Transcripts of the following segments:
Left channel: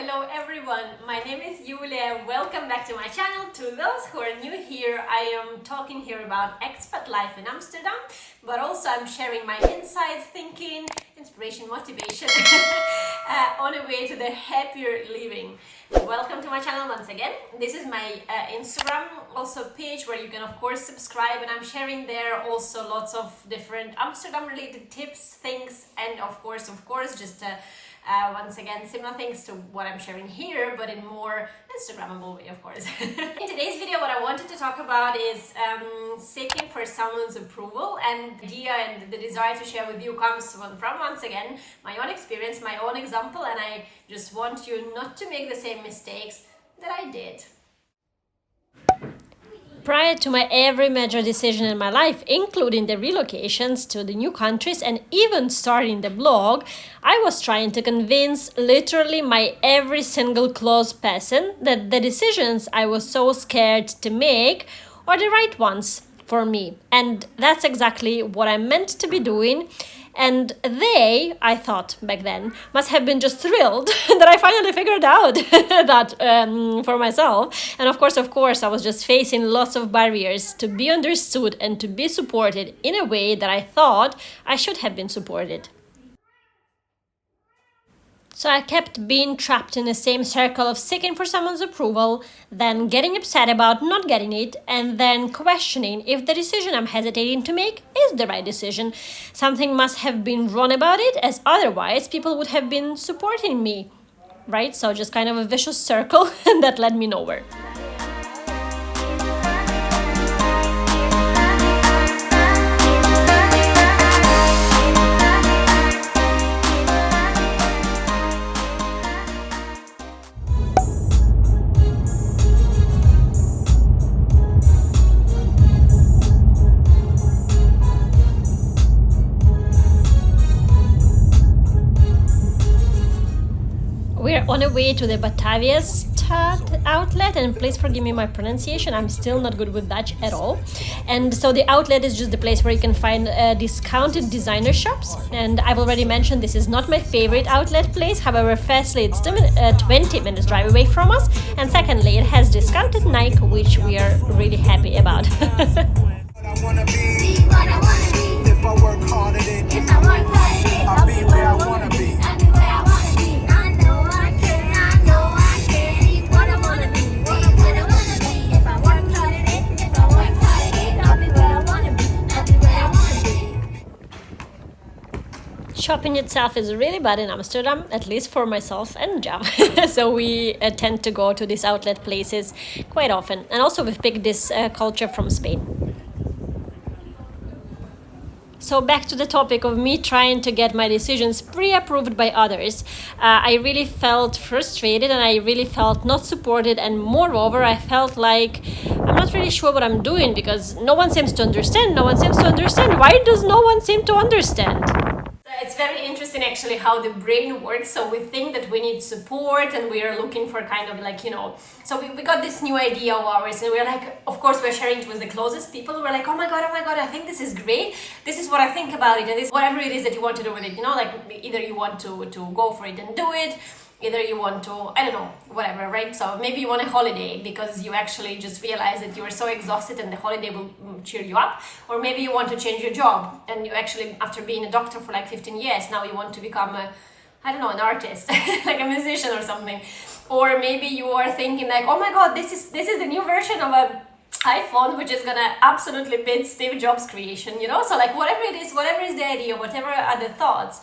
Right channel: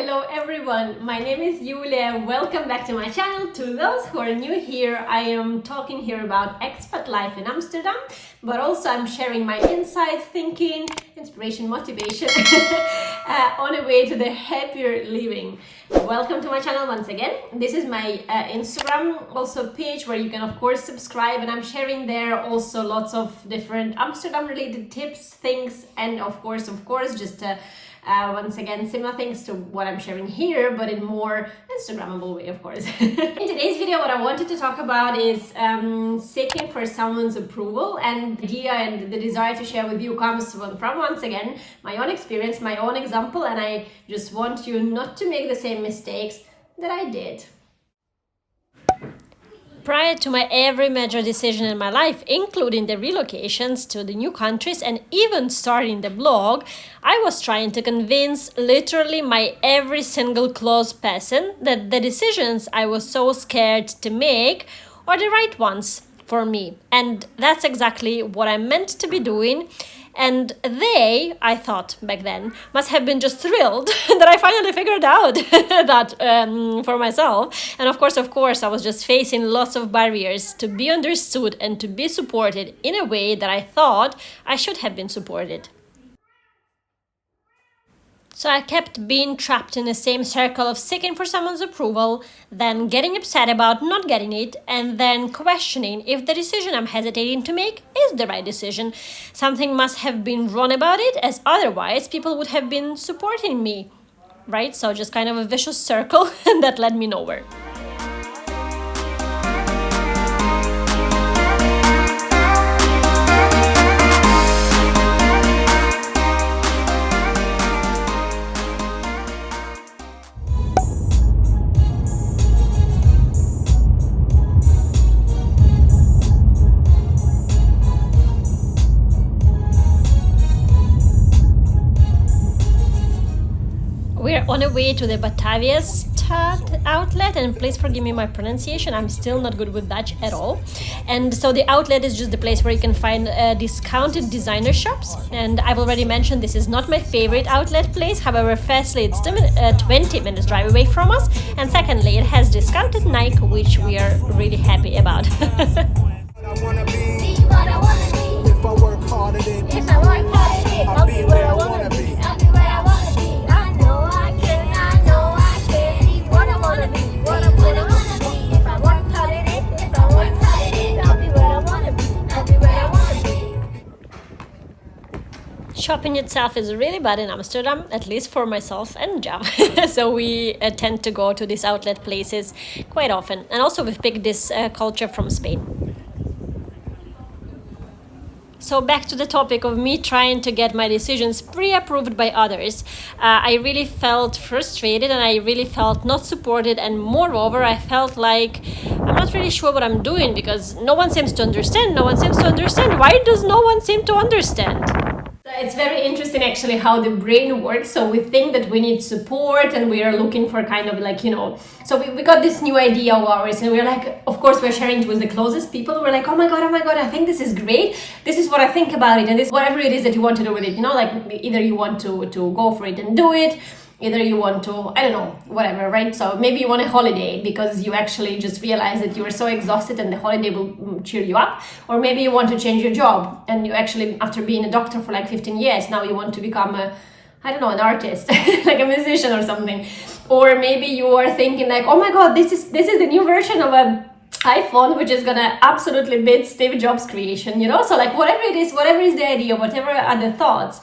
Hello everyone, my name is Iuliia. Welcome back to my channel. To those who are new here, I am talking here about expat life in Amsterdam, but also I'm sharing my insights, thinking, inspiration, motivation on a way to the happier living. Welcome to my channel once again. This is my Instagram also page where you can of course subscribe, and I'm sharing there also lots of different Amsterdam related tips, things, and of course just once again similar things to what I'm sharing here, but in more Instagrammable way, of course. In today's video, what I wanted to talk about is seeking for someone's approval, and the idea and the desire to share with you comes from once again my own experience, my own example, and I just want you not to make the same mistakes that I did. Prior to my every major decision in my life, including the relocations to the new countries and even starting the blog, I was trying to convince literally my every single close person that the decisions I was so scared to make are the right ones for me. And that's exactly what I meant to be doing. And they, I thought back then, must have been just thrilled that I finally figured out that for myself. And of course, I was just facing lots of barriers to be understood and to be supported in a way that I thought I should have been supported. So I kept being trapped in the same circle of seeking for someone's approval, then getting upset about not getting it, and then questioning if the decision I'm hesitating to make is the right decision. Something must have been wrong about it, as otherwise people would have been supporting me, right? So just kind of a vicious circle that led me nowhere. We're on our way to the Batavia outlet, and please forgive me my pronunciation, I'm still not good with Dutch at all. And so the outlet is just the place where you can find discounted designer shops, and I've already mentioned this is not my favorite outlet place. However, firstly, it's 20 minutes drive away from us, and secondly, it has discounted Nike, which we are really happy about. Shopping itself is really bad in Amsterdam, at least for myself and Jav. So we tend to go to these outlet places quite often. And also we've picked this culture from Spain. So back to the topic of me trying to get my decisions pre-approved by others. I really felt frustrated and I really felt not supported, and moreover I felt like I'm not really sure what I'm doing because no one seems to understand. Why does no one seem to understand? It's very interesting actually how the brain works. So we think that we need support and we are looking for kind of like, so we got this new idea of ours, and we're like, of course we're sharing it with the closest people. We're like, oh my god, I think this is great. This is what I think about it, and this whatever it is that you want to do with it, like either you want to go for it and do it, either you want to, I don't know, whatever, right? So maybe you want a holiday because you actually just realize that you are so exhausted and the holiday will cheer you up. Or maybe you want to change your job and you actually, after being a doctor for like 15 years, now you want to become an artist, like a musician or something. Or maybe you are thinking like, oh my God, this is the new version of an iPhone, which is gonna absolutely beat Steve Jobs' creation, So like whatever it is, whatever is the idea, whatever are the thoughts,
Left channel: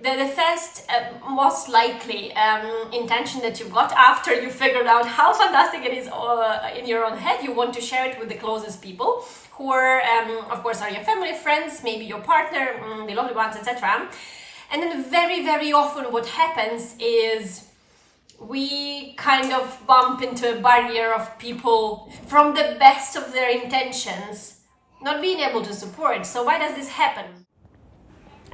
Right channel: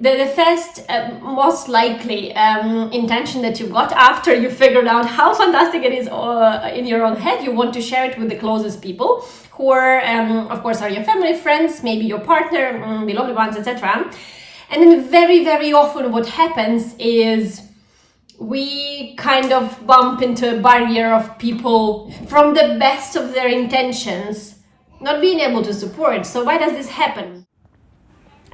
the first most likely intention that you've got after you figured out how fantastic it is in your own head, you want to share it with the closest people who are of course are your family, friends, maybe your partner, beloved ones, etc. And then very, very often what happens is we kind of bump into a barrier of people from the best of their intentions not being able to support. So why does this happen?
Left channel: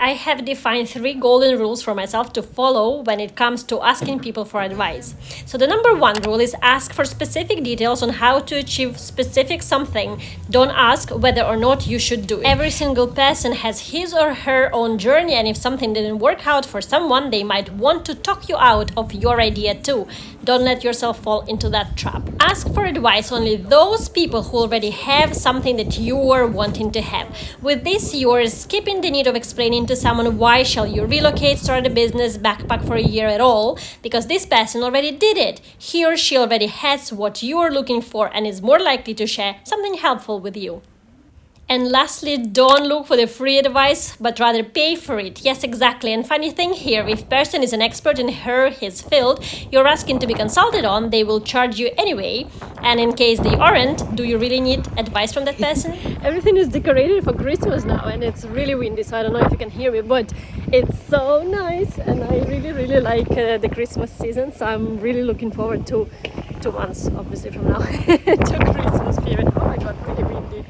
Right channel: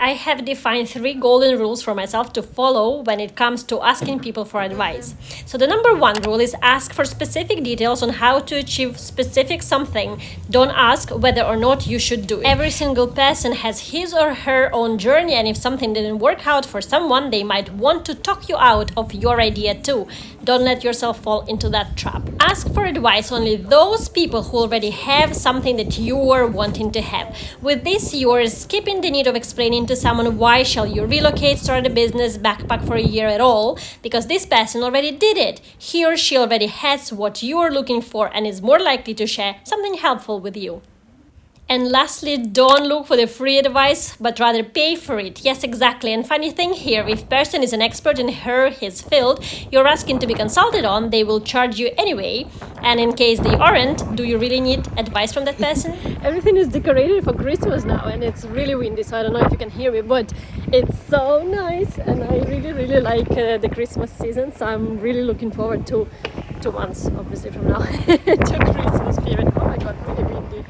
I have defined 3 golden rules for myself to follow when it comes to asking people for advice. So the number 1 rule is ask for specific details on how to achieve specific something. Don't ask whether or not you should do it. Every single person has his or her own journey, and if something didn't work out for someone, they might want to talk you out of your idea too. Don't let yourself fall into that trap. Ask for advice only those people who already have something that you are wanting to have. With this, you are skipping the need of explaining to someone why shall you relocate, start a business, backpack for a year at all, because this person already did it. He or she already has what you are looking for and is more likely to share something helpful with you. And lastly, don't look for the free advice, but rather pay for it. Yes, exactly. And funny thing here, if person is an expert in his field you're asking to be consulted on, they will charge you anyway. And in case they aren't, do you really need advice from that person? Everything is decorated for Christmas now, and it's really windy, so I don't know if you can hear me, but it's so nice, and I really like the Christmas season, so I'm really looking forward to 2 months, obviously, from now to Christmas period. Oh my god, really windy.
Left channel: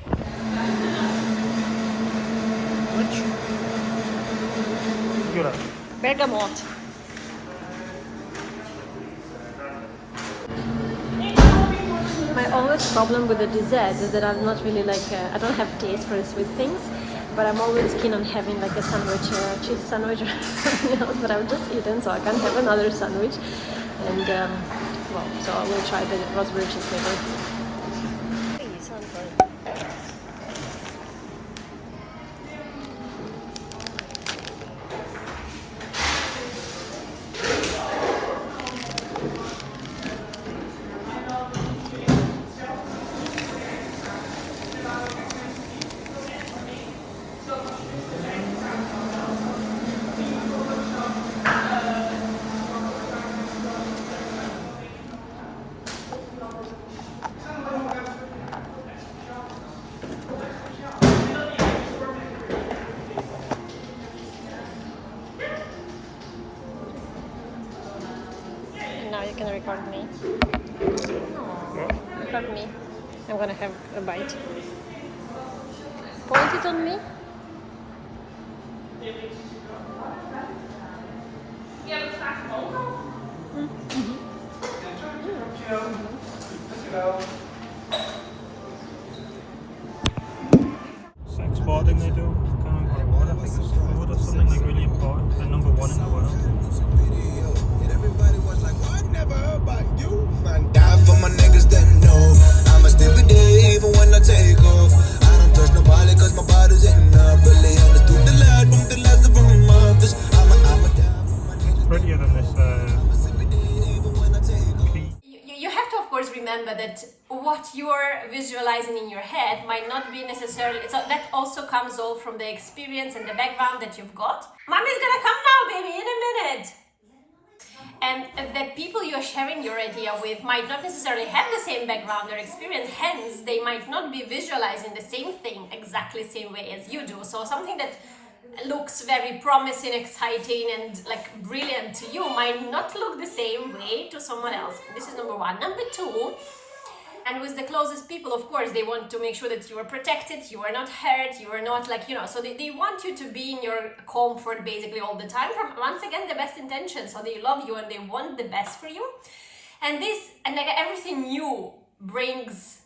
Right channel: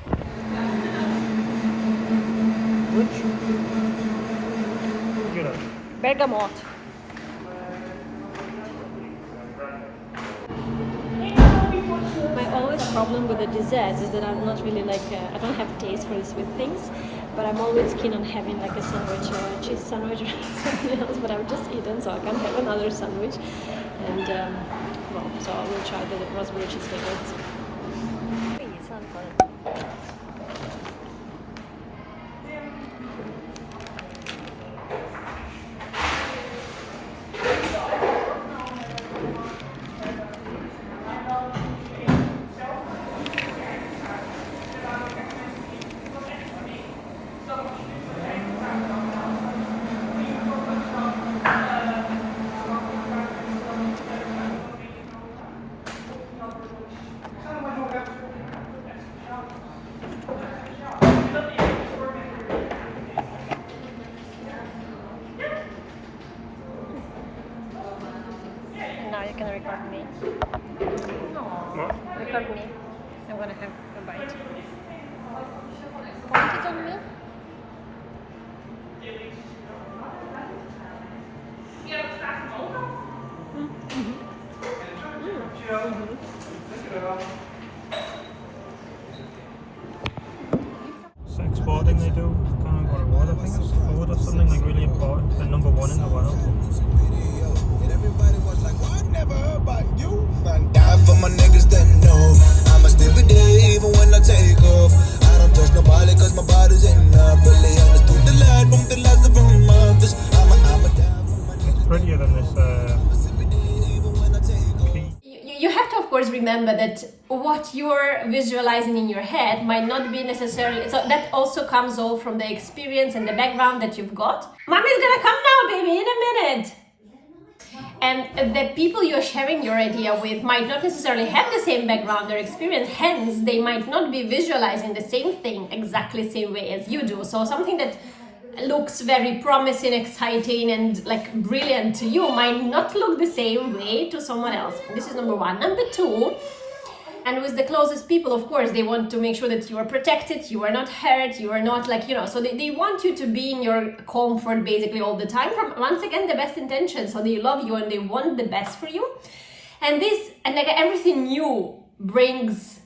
Bergamot. My always problem with the desserts is that I'm not really I don't have taste for sweet things, but I'm always keen on having like a sandwich, cheese sandwich or something else, but I've just eaten, so I can't have another sandwich. And so we'll try the raspberry cheesecake. Now you can record me. Aww. Record me. I'm gonna have a bite. Point it on me. Exporting they do, kind of what I think it's food or something like really important, and number 1 in the world. And everybody was like, "Well, I never heard about you." Man, die for my niggas that know I'ma still be there even when I take off. I don't trust nobody cause my body's enough. Really understood the light from the last of my mothers. I'ma die for my niggas. Prettier than this key. You have to, of course, remember that what you're visualizing in your head might not be necessarily, so that also comes all from the experience and the background that you've got. Mommy's gonna come now, baby, in a minute. And the people you're sharing your idea with might not necessarily have the same background or experience, hence they might not be visualizing the same thing exactly the same way as you do. So something that looks very promising, exciting, and like brilliant to you might not look the same way to someone else. This is number 1. Number 2, and with the closest people, of course, they want to make sure that you are protected, you are not hurt, you are not so they want you to be in your comfort basically all the time, from once again the best intentions. So they love you and they want the best for you. And everything new brings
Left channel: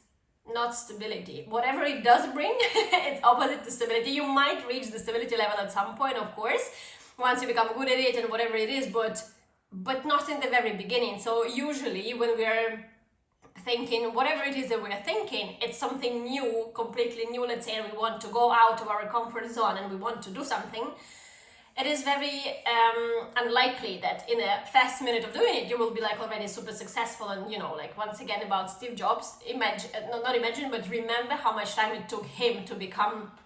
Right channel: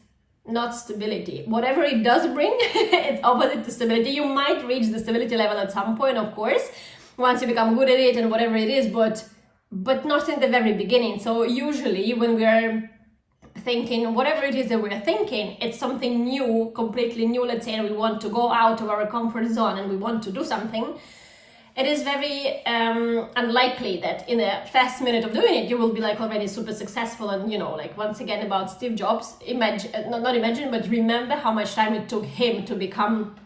not stability. Whatever it does bring, it's opposite to stability. You might reach the stability level at some point, of course, once you become good at it and whatever it is, but not in the very beginning. So usually when we're thinking whatever it is that we're thinking, it's something new, completely new. Let's say we want to go out of our comfort zone and we want to do something. It is very unlikely that in a fast minute of doing it you will be like already super successful. And once again about Steve Jobs, but remember how much time it took him to become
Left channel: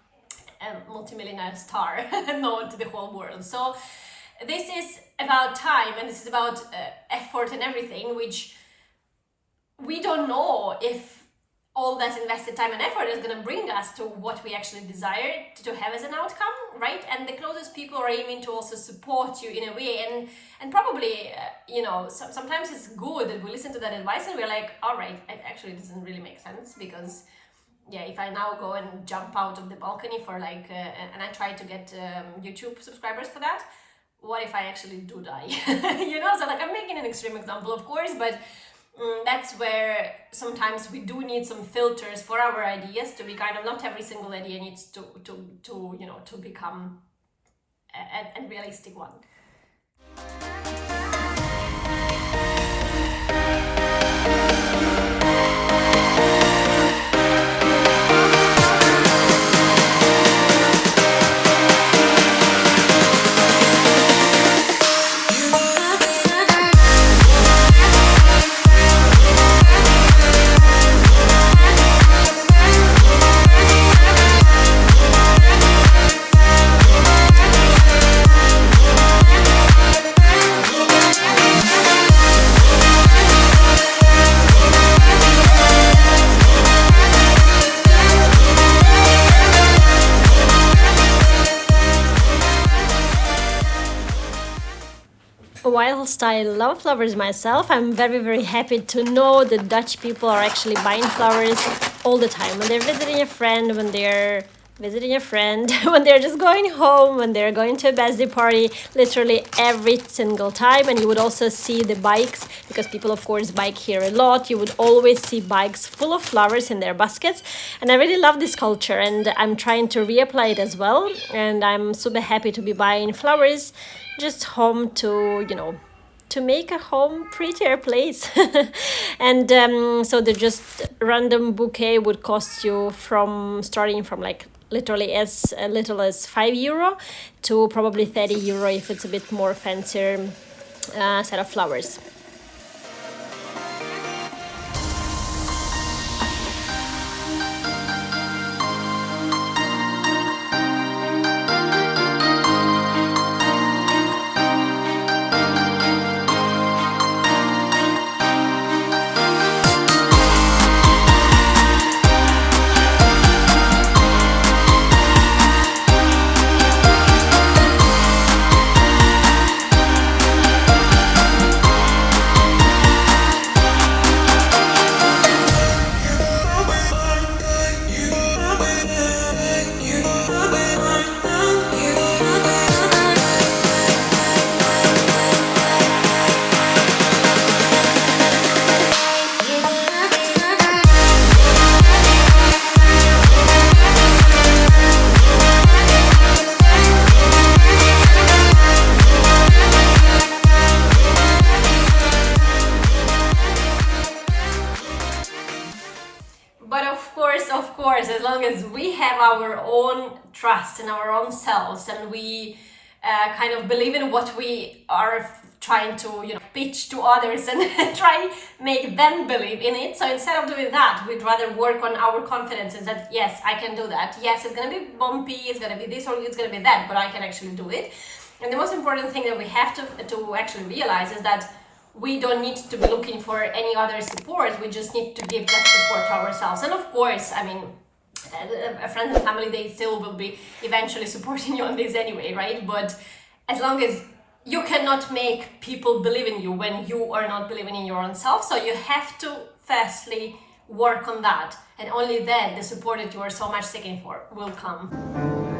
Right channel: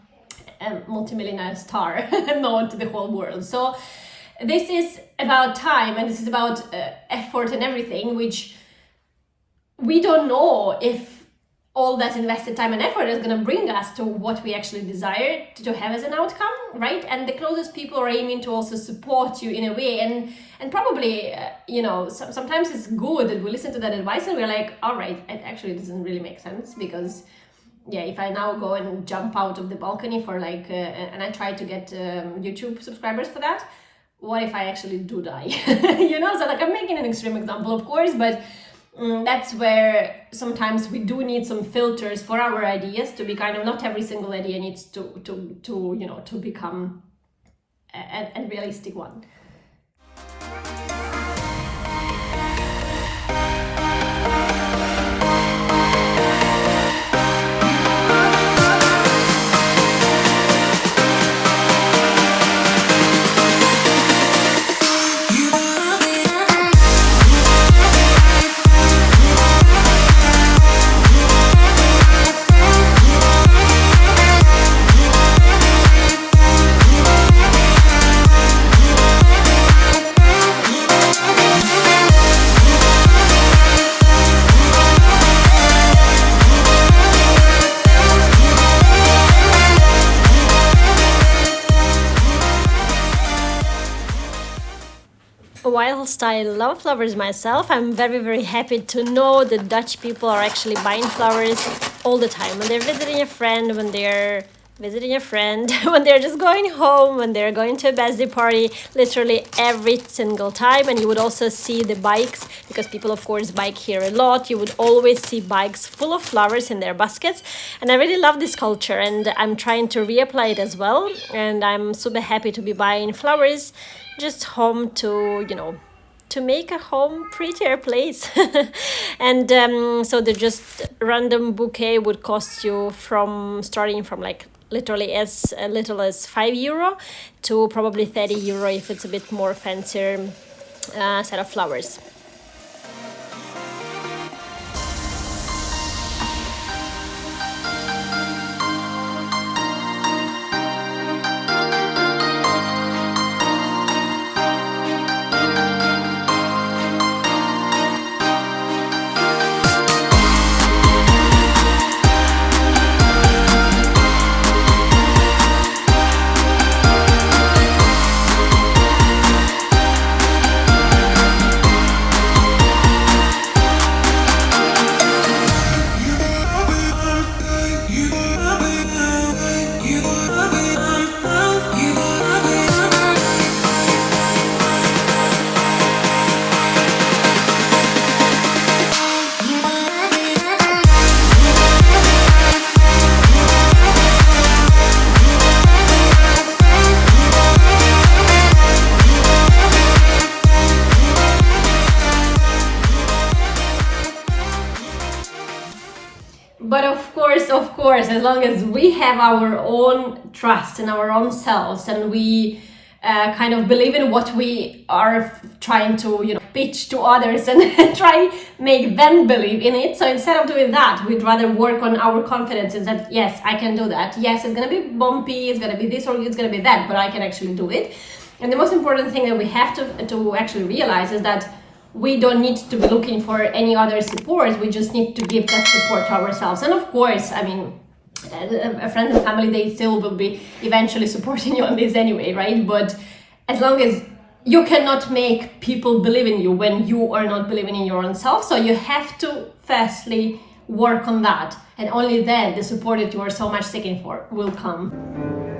a multimillionaire star known to the whole world. So this is about time, and this is about effort and everything, which we don't know if all that invested time and effort is going to bring us to what we actually desire to have as an outcome, right? And the closest people are aiming to also support you in a way, and probably sometimes it's good that we listen to that advice and we're like, all right, it actually doesn't really make sense, because yeah, if I now go and jump out of the balcony for like, and I try to get YouTube subscribers for that, what if I actually do die? You know, so like I'm making an extreme example, of course, but that's where sometimes we do need some filters for our ideas to be kind of, not every single idea needs to you know, to become a realistic one. Whilst I love flowers myself, I'm very, very happy to know that Dutch people are actually buying flowers all the time. When they're visiting a friend, when they're when they're just going home, when they're going to a birthday party, literally every single time. And you would also see the bikes, because people of course bike here a lot. You would always see bikes full of flowers in their baskets. And I really love this culture, and I'm trying to reapply it as well. And I'm super happy to be buying flowers just home to, you know, to make a home prettier place. And so the just random bouquet would cost you from starting from like literally as little as €5 to probably €30 if it's a bit more fancier set of flowers. But of course, as long as we have our own trust in our own selves, and we kind of believe in what we are trying to, you know, pitch to others and try make them believe in it. So instead of doing that, we'd rather work on our confidence and that, yes, I can do that. Yes, it's gonna be bumpy, it's gonna be this or it's gonna be that, but I can actually do it. And the most important thing that we have to actually realize is that we don't need to be looking for any other support. We just need to give that support to ourselves. And of course, I mean, friends and family, they still will be eventually supporting you on this anyway, right? But as long as you cannot make people believe in you when you are not believing in your own self, so you have to firstly work on that, and only then the support that you are so much seeking for will come.